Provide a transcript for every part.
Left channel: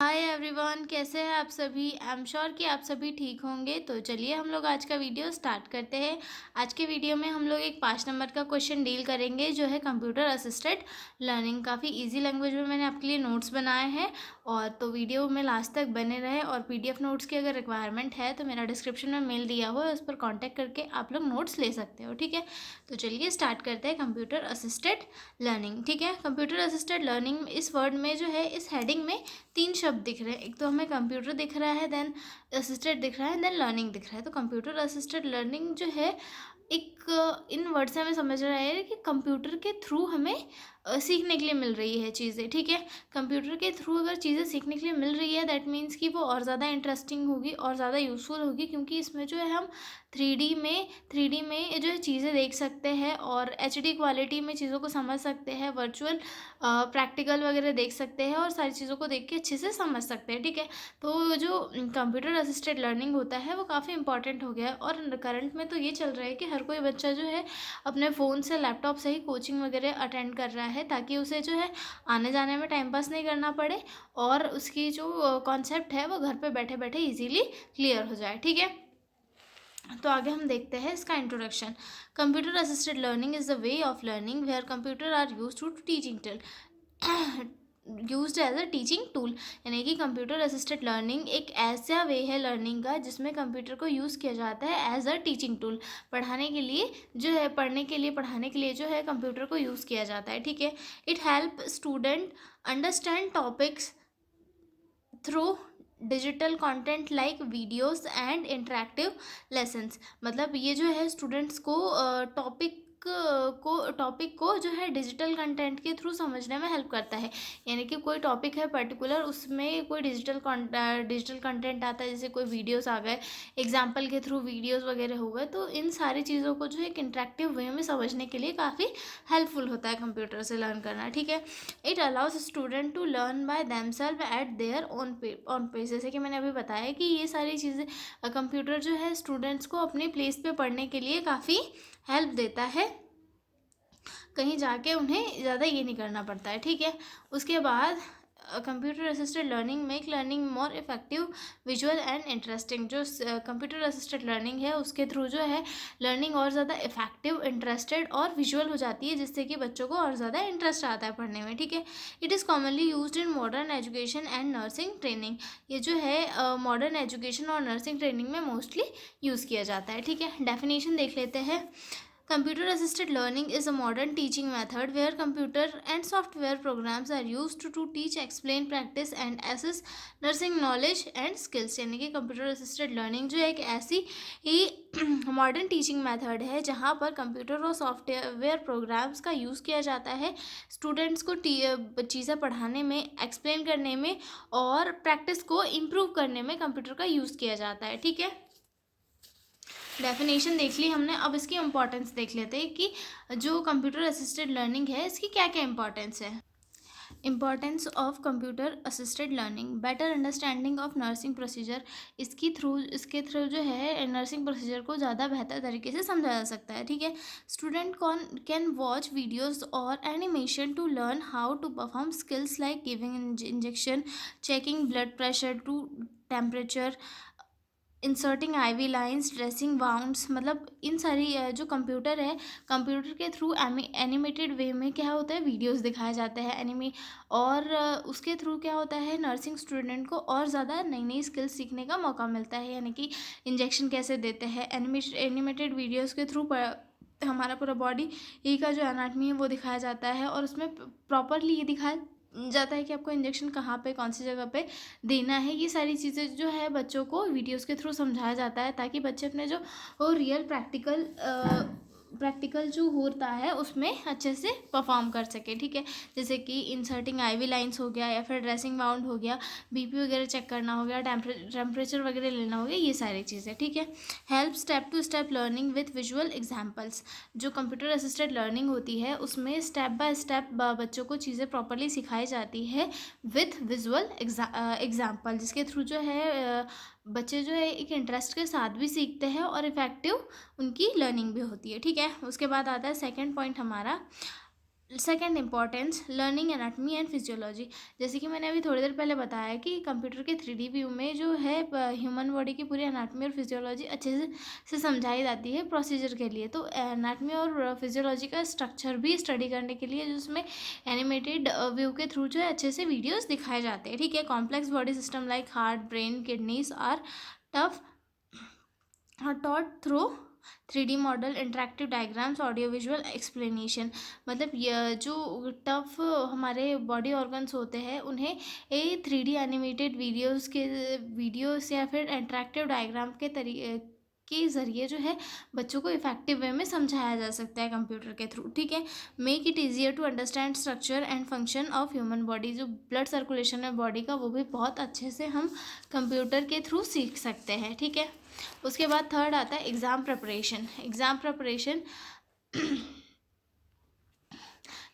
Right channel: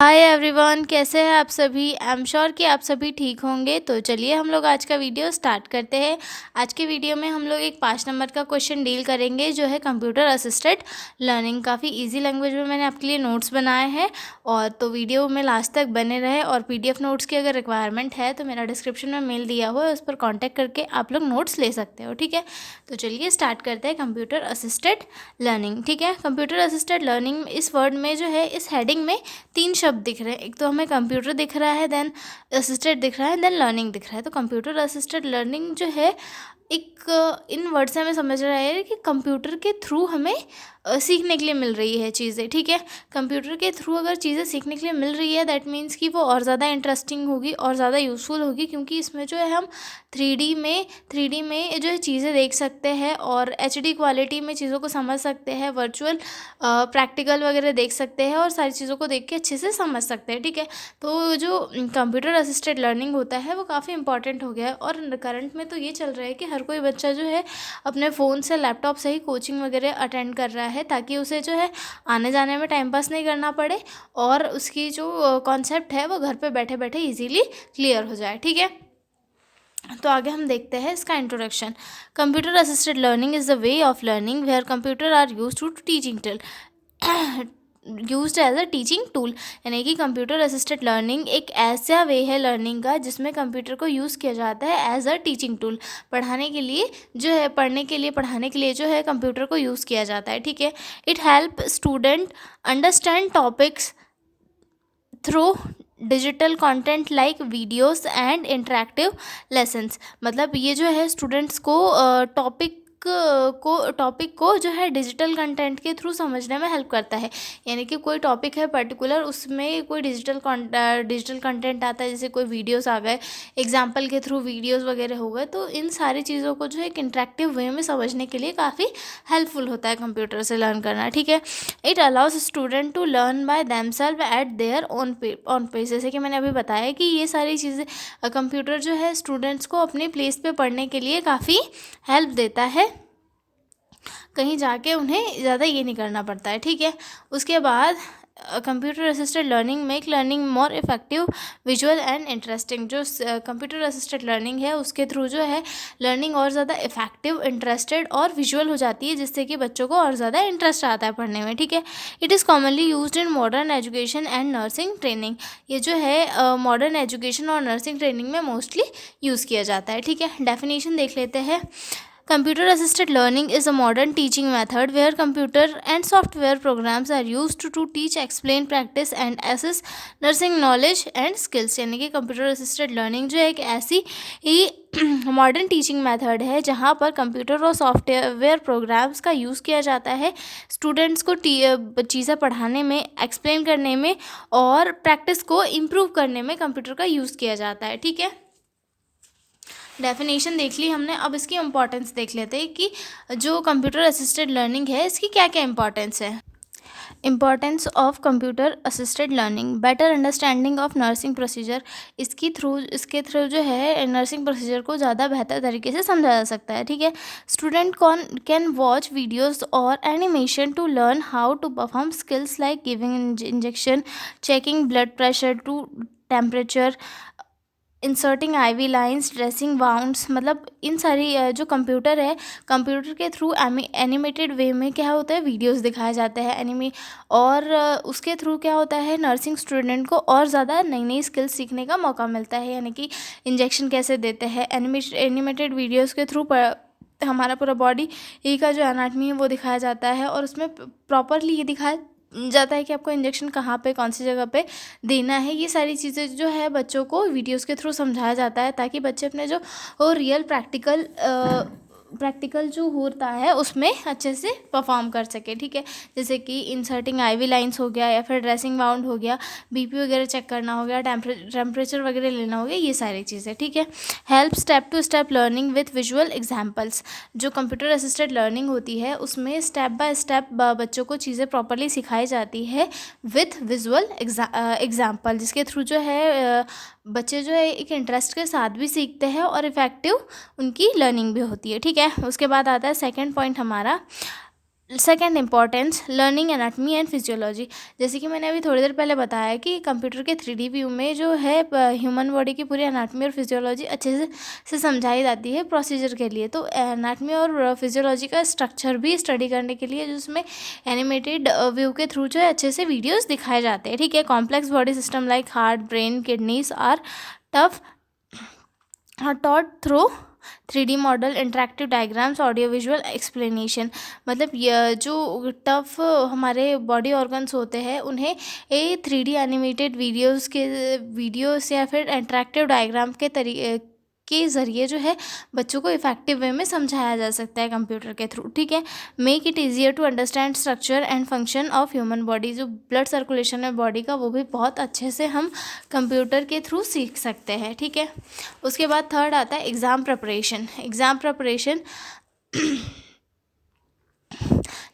Hi everyone, कैसे हैं आप सभी। आई एम श्योर कि आप सभी ठीक होंगे। तो चलिए हम लोग आज का वीडियो स्टार्ट करते हैं। आज के वीडियो में हम लोग एक 5 नंबर का क्वेश्चन डील करेंगे जो है कंप्यूटर असिस्टेड लर्निंग। काफ़ी इजी लैंग्वेज में मैंने आपके लिए नोट्स बनाए हैं और तो वीडियो में लास्ट तक बने रहे। और पीडीएफ नोट्स की अगर रिक्वायरमेंट है तो मेरा डिस्क्रिप्शन में मेल दिया हुआ है, उस पर कॉन्टैक्ट करके आप लोग नोट्स ले सकते हो। ठीक है, तो चलिए स्टार्ट करते हैं कंप्यूटर असिस्टेड लर्निंग। ठीक है, कंप्यूटर असिस्टेड लर्निंग इस वर्ड में जो है, इस हेडिंग में 3 शब्द दिख रहे हैं। एक तो हमें कंप्यूटर दिख रहा है, देन असिस्टेड दिख रहा है, देन लर्निंग दिख रहा है। तो कंप्यूटर असिस्टेड लर्निंग जो है एक इन वर्ड से हमें समझ रहा है कि कंप्यूटर के थ्रू हमें सीखने के लिए मिल रही है चीज़ें। ठीक है, कंप्यूटर के थ्रू अगर चीज़ें सीखने के लिए मिल रही है दैट मीन्स कि वो और ज़्यादा इंटरेस्टिंग होगी और ज़्यादा यूज़फुल होगी, क्योंकि इसमें जो है हम थ्री डी में जो है चीज़ें देख सकते हैं और एचडी क्वालिटी में चीज़ों को समझ सकते हैं, वर्चुअल प्रैक्टिकल वगैरह देख सकते हैं और सारी चीज़ों को देख के अच्छे से समझ सकते हैं। ठीक है, तो जो कंप्यूटर असिस्टेड लर्निंग होता है वो काफ़ी इंपॉर्टेंट हो गया है। और करंट में तो ये चल रहा है कि हर कोई बच्चा जो है अपने फ़ोन से, लैपटॉप से ही कोचिंग वगैरह अटेंड कर रहा है, ताकि उसे जो है आने जाने में टाइम पास नहीं करना पड़े और उसकी जो कॉन्सेप्ट है वो घर पे बैठे बैठे इजीली क्लियर हो जाए। ठीक है, तो आगे हम देखते हैं इसका introduction. Computer assisted learning is the way of learning where computer are use to teaching till used as a teaching tool. यानी कि कंप्यूटर असिस्टेड लर्निंग एक ऐसा वे है लर्निंग का जिसमें कंप्यूटर को यूज़ किया जाता है एज अ टीचिंग टूल। पढ़ाने के लिए जो है, पढ़ाने के लिए जो है कंप्यूटर को यूज़ किया जाता है। ठीक है, it help student understand topics through digital content like videos and interactive lessons. मतलब ये जो है स्टूडेंट्स को टॉपिक को जो है डिजिटल कंटेंट के थ्रू समझने में हेल्प करता है। यानी कि कोई टॉपिक है पर्टिकुलर, उसमें कोई डिजिटल कंटेंट आता है, जैसे कोई वीडियोस आ गए, एग्जाम्पल के थ्रू वीडियोस वगैरह हो गए, तो इन सारी चीज़ों को जो है एक इंटरेक्टिव वे में समझने के लिए काफ़ी हेल्पफुल होता है कंप्यूटर से लर्न करना। ठीक है, it allows student to learn by themselves at their own pace. जैसे कि मैंने अभी बताया कि ये सारी चीज़ें कंप्यूटर जो है स्टूडेंट्स को अपने प्लेस पे पढ़ने के लिए काफ़ी हेल्प देता है, कहीं जाके उन्हें ज़्यादा ये नहीं करना पड़ता है। ठीक है, उसके बाद computer assisted learning make learning more effective, visual and interesting. जो कंप्यूटर असिस्टेड लर्निंग है उसके थ्रू जो है लर्निंग और ज़्यादा इफेक्टिव, इंटरेस्टेड और विजुअल हो जाती है, जिससे कि बच्चों को और ज़्यादा इंटरेस्ट आता है पढ़ने में। ठीक है, it is commonly used in modern education and nursing training. ये जो है मॉडर्न एजुकेशन और नर्सिंग ट्रेनिंग में मोस्टली यूज़ किया जाता है। ठीक है, डेफिनेशन देख लेते हैं। Computer assisted learning is a modern teaching method where computer and software programs are used to teach, explain, practice and assess nursing knowledge and skills। यानी कि कंप्यूटर असिस्टेड लर्निंग जो है एक ऐसी ही मॉडर्न टीचिंग मेथड है जहाँ पर computer और सॉफ्टवेयर प्रोग्राम्स का यूज़ किया जाता है स्टूडेंट्स को चीज़ें पढ़ाने में, एक्सप्लेन करने में और प्रैक्टिस को इम्प्रूव करने में कंप्यूटर का यूज़ किया जाता है। ठीक है, डेफिनेशन देख ली हमने, अब इसकी इम्पॉर्टेंस देख लेते हैं कि जो कंप्यूटर असिस्टेड लर्निंग है इसकी क्या क्या इंपॉर्टेंस है। Importance of computer assisted learning, better understanding of nursing procedure. इसके थ्रू जो है नर्सिंग प्रोसीजर को ज़्यादा बेहतर तरीके से समझा जा सकता है। ठीक है, स्टूडेंट कैन वॉच वीडियोस और animation to learn how to perform skills like giving injection, checking blood pressure to temperature, inserting IV lines, dressing wounds. मतलब इन सारी जो कंप्यूटर है, कंप्यूटर के थ्रू एनिमेटेड वे में क्या होता है, वीडियोस दिखाए जाते हैं और उसके थ्रू क्या होता है, नर्सिंग स्टूडेंट को और ज़्यादा नई नई स्किल्स सीखने का मौका मिलता है। यानी कि इंजेक्शन कैसे देते हैं, एनिमेटेड वीडियोज़ के थ्रू हमारा पूरा बॉडी ही का जो एनाटमी है वो दिखाया जाता है और उसमें प्रॉपरली ये दिखाया जाता है कि आपको इंजेक्शन कहाँ पे, कौन सी जगह पे देना है। ये सारी चीज़ें जो है बच्चों को वीडियोस के थ्रू समझाया जाता है, ताकि बच्चे अपने जो रियल प्रैक्टिकल जो होता है उसमें अच्छे से परफॉर्म कर सके। ठीक है, जैसे कि इंसर्टिंग आईवी लाइंस हो गया, या फिर ड्रेसिंग वाउंड हो गया, बीपी वगैरह चेक करना हो गया, टेम्परेचर वगैरह लेना हो गया, ये सारी चीज़ें। ठीक है, help step to step learning with visual examples. जो कंप्यूटर असिस्टेड लर्निंग होती है उसमें स्टेप बाय स्टेप बच्चों को चीज़ें प्रॉपरली सिखाई जाती है विथ विजुअल एग्जाम्पल, जिसके थ्रू जो है बच्चे जो है एक इंटरेस्ट के साथ भी सीखते हैं और इफ़ेक्टिव उनकी लर्निंग भी होती है। ठीक है, उसके बाद आता है सेकंड पॉइंट हमारा, second importance, learning anatomy and physiology. जैसे कि मैंने अभी थोड़ी देर पहले बताया कि कंप्यूटर के 3D व्यू में जो है ह्यूमन बॉडी की पूरी एनाटमी और फिजियोलॉजी अच्छे से समझाई जाती है प्रोसीजर के लिए। तो एनाटमी और फिजियोलॉजी का स्ट्रक्चर भी स्टडी करने के लिए जिसमें एनिमेटेड व्यू के थ्रू जो है अच्छे से वीडियोज़ दिखाए जाते हैं, ठीक है। Complex body system like heart, brain, kidneys are tough taught through 3D model, interactive diagrams, audio visual explanation. मतलब ये जो टफ हमारे बॉडी ऑर्गन्स होते हैं उन्हें 3D एनिमेटेड वीडियोस या फिर इंटरेक्टिव डायग्राम के ज़रिए जो है बच्चों को इफेक्टिव वे में समझाया जा सकता है कंप्यूटर के थ्रू, ठीक है। Make it easier to understand structure and function of human body. जो ब्लड सर्कुलेशन है बॉडी का वो भी बहुत अच्छे से हम कंप्यूटर के थ्रू सीख सकते हैं, ठीक है। उसके बाद थर्ड आता है exam preparation. Exam preparation,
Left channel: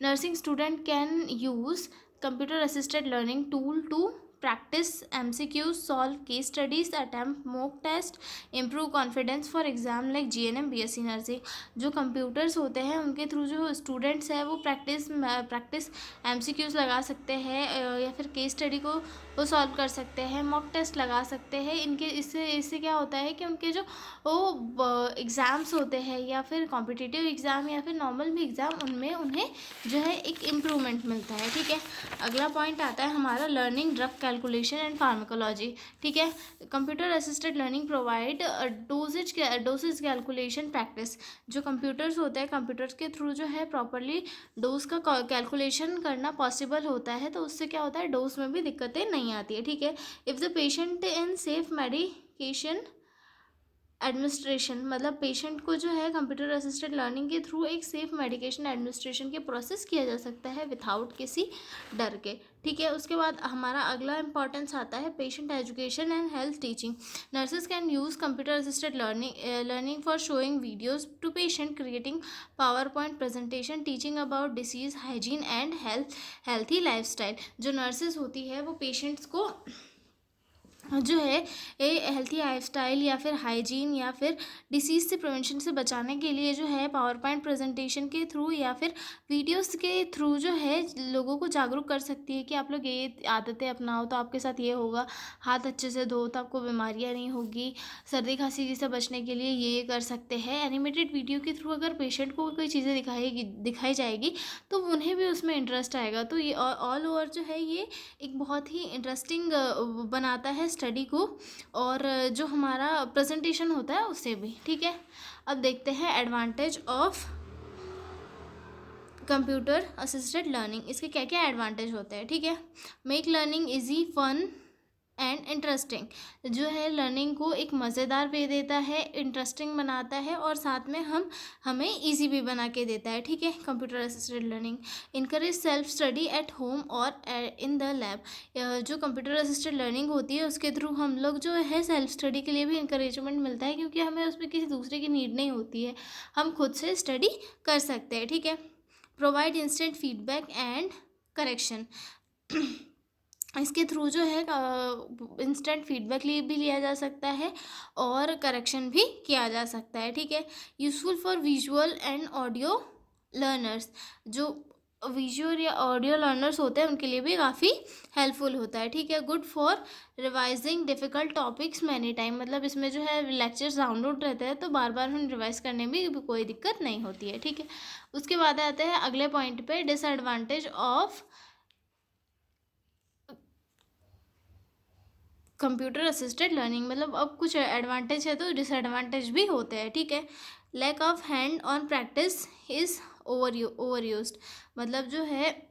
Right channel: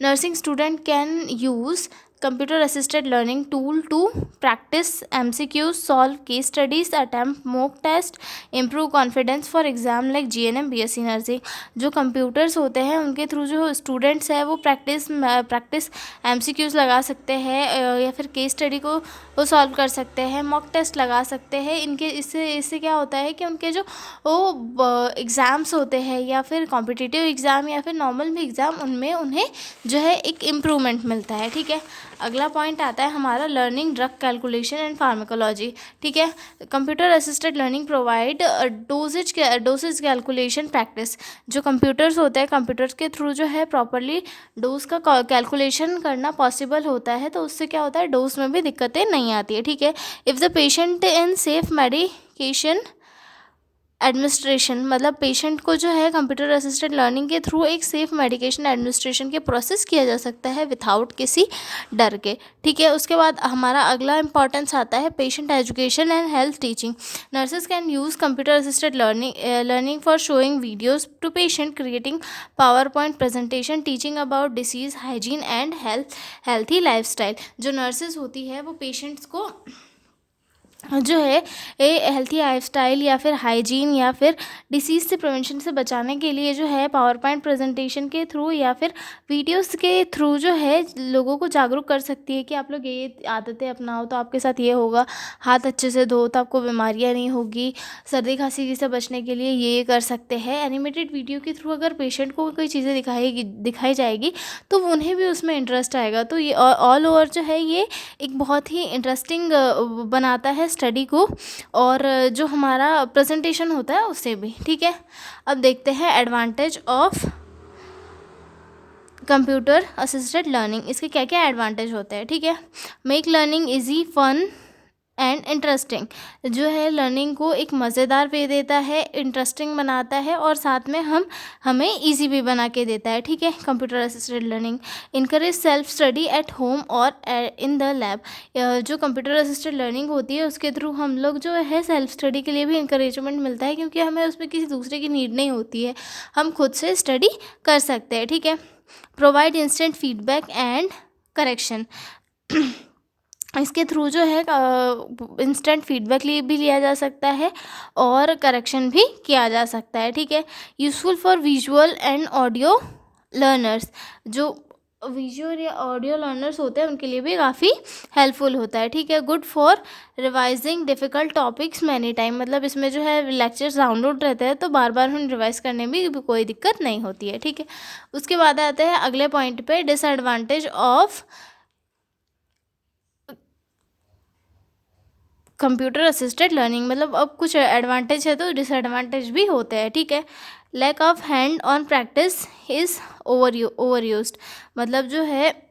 nursing student can use computer assisted learning tool to practice MCQs, solve case studies, attempt mock test, improve confidence for exam like GNM BSc nursing. जो कंप्यूटर्स होते हैं उनके through जो students है वो practice MCQs लगा सकते हैं या फिर केस स्टडी को वो सॉल्व कर सकते हैं, मॉक टेस्ट लगा सकते हैं। इनके इससे क्या होता है कि उनके जो वो एग्ज़ाम्स होते हैं या फिर कॉम्पिटिटिव एग्ज़ाम या फिर नॉर्मल भी एग्ज़ाम उनमें उन्हें जो है एक इम्प्रूवमेंट मिलता है, ठीक है। अगला पॉइंट आता है हमारा learning drug calculation and pharmacology, ठीक है। Computer assisted learning provide dosage calculation practice. जो कंप्यूटर्स होते हैं कंप्यूटर्स के थ्रू जो है प्रॉपरली डोज का कैलकुलेशन करना पॉसिबल होता है, तो उससे क्या होता है डोज में भी दिक्कतें नहीं आती है, ठीक है। If the patient in safe medication administration, मतलब पेशेंट को जो है कंप्यूटर असिस्टेड लर्निंग के थ्रू एक सेफ मेडिकेशन एडमिनिस्ट्रेशन के प्रोसेस किया जा सकता है विथआउट किसी डर के, ठीक है। उसके बाद हमारा अगला इंपॉर्टेंस आता है patient education and health teaching. Nurses can use computer assisted learning for showing videos to patient, creating power point presentation, teaching about disease, hygiene and healthy life style. जो नर्सेज होती है वो पेशेंट्स को जो है healthy life style या फिर hygiene या फिर डिसीज़ से प्रिवेंशन से बचाने के लिए जो है पावर पॉइंट प्रेजेंटेशन के थ्रू या फिर वीडियोस के थ्रू जो है लोगों को जागरूक कर सकती है कि आप लोग ये आदतें अपनाओ तो आपके साथ ये होगा, हाथ अच्छे से धो तो आपको बीमारियां नहीं होगी, सर्दी खांसी से बचने के लिए ये कर सकते हैं। एनिमेटेड वीडियो के थ्रू अगर पेशेंट को कोई चीज़ें दिखाई जाएगी तो उन्हें भी उसमें इंटरेस्ट आएगा। तो ये ऑल ओवर जो है ये एक बहुत ही इंटरेस्टिंग बनाता है स्टडी को और जो हमारा प्रेजेंटेशन होता है उससे भी, ठीक है। अब देखते हैं advantage of computer assisted learning. इसके क्या क्या एडवांटेज होते हैं, ठीक है। Make learning easy, fun and interesting. जो है लर्निंग को एक मज़ेदार वे देता है, इंटरेस्टिंग बनाता है और साथ में हमें इजी भी बना के देता है, ठीक है। Computer assisted learning encourage self study at home और इन द लैब। जो कंप्यूटर असिस्टेड लर्निंग होती है उसके थ्रू हम लोग जो है सेल्फ स्टडी के लिए भी इंकरेजमेंट मिलता है, क्योंकि हमें उसमें किसी दूसरे की नीड नहीं होती है, हम खुद से स्टडी कर सकते हैं, ठीक है। Provide instant feedback and correction. इसके थ्रू जो है इंस्टेंट फीडबैक भी लिया जा सकता है और करेक्शन भी किया जा सकता है, ठीक है। Useful for visual and audio learners. जो विजुअल या ऑडियो लर्नर्स होते हैं उनके लिए भी काफ़ी हेल्पफुल होता है, ठीक है। Good for revising difficult topics many time. मतलब इसमें जो है लेक्चर्स डाउनलोड रहते हैं तो बार बार हम रिवाइज करने में भी कोई दिक्कत नहीं होती है, ठीक है। उसके बाद आते हैं अगले पॉइंट पे, disadvantage of computer assisted learning. मतलब अब कुछ एडवांटेज है तो डिसएडवांटेज भी होते हैं, ठीक है। Lack of hand on practice is over used. मतलब जो है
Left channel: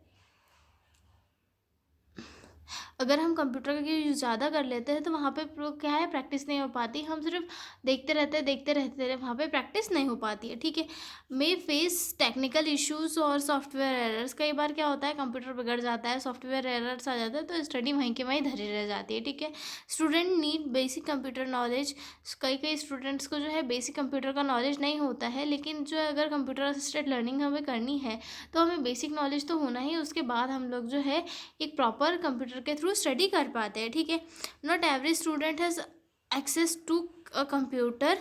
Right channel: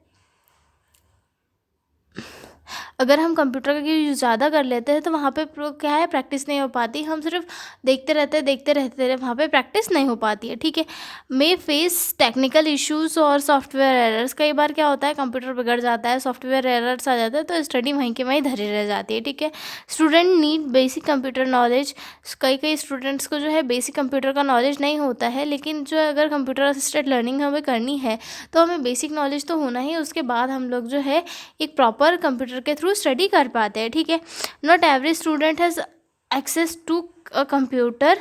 अगर हम कंप्यूटर का यूज़ ज़्यादा कर लेते हैं तो वहाँ पे क्या है प्रैक्टिस नहीं हो पाती, हम सिर्फ देखते रहते वहाँ पे प्रैक्टिस नहीं हो पाती है, ठीक है। मे फेस टेक्निकल इश्यूज और सॉफ्टवेयर एरर्स। कई बार क्या होता है कंप्यूटर बिगड़ जाता है, सॉफ्टवेयर एरर्स आ जाता है तो स्टडी वहीं के वहीं धरी रह जाती है, ठीक है। Student need basic computer knowledge. कई स्टूडेंट्स को जो है बेसिक कंप्यूटर का नॉलेज नहीं होता है, लेकिन जो अगर कंप्यूटर असिस्टेड लर्निंग हमें करनी है तो हमें बेसिक नॉलेज तो होना ही, उसके बाद हम लोग जो है एक प्रॉपर कंप्यूटर के थ्रू स्टडी कर पाते हैं, ठीक है। Not every student has access to a computer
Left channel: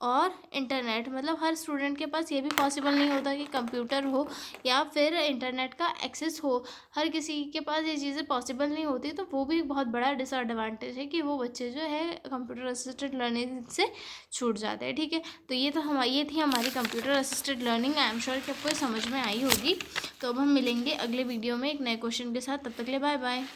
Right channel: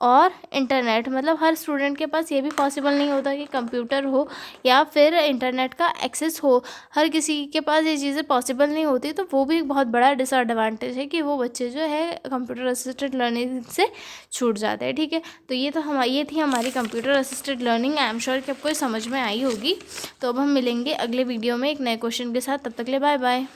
और इंटरनेट। मतलब हर स्टूडेंट के पास ये भी पॉसिबल नहीं होता कि कंप्यूटर हो या फिर इंटरनेट का एक्सेस हो। हर किसी के पास ये चीज़ें पॉसिबल नहीं होती, तो वो भी एक बहुत बड़ा डिसएडवांटेज है कि वो बच्चे जो है कंप्यूटर असिस्टेड लर्निंग से छूट जाते हैं। ठीक है, तो ये थी हमारी computer assisted learning. I am sure कि आपको ये समझ में आई होगी। तो अब हम मिलेंगे अगले वीडियो में एक नए क्वेश्चन के साथ। तब तक के लिए बाय बाय।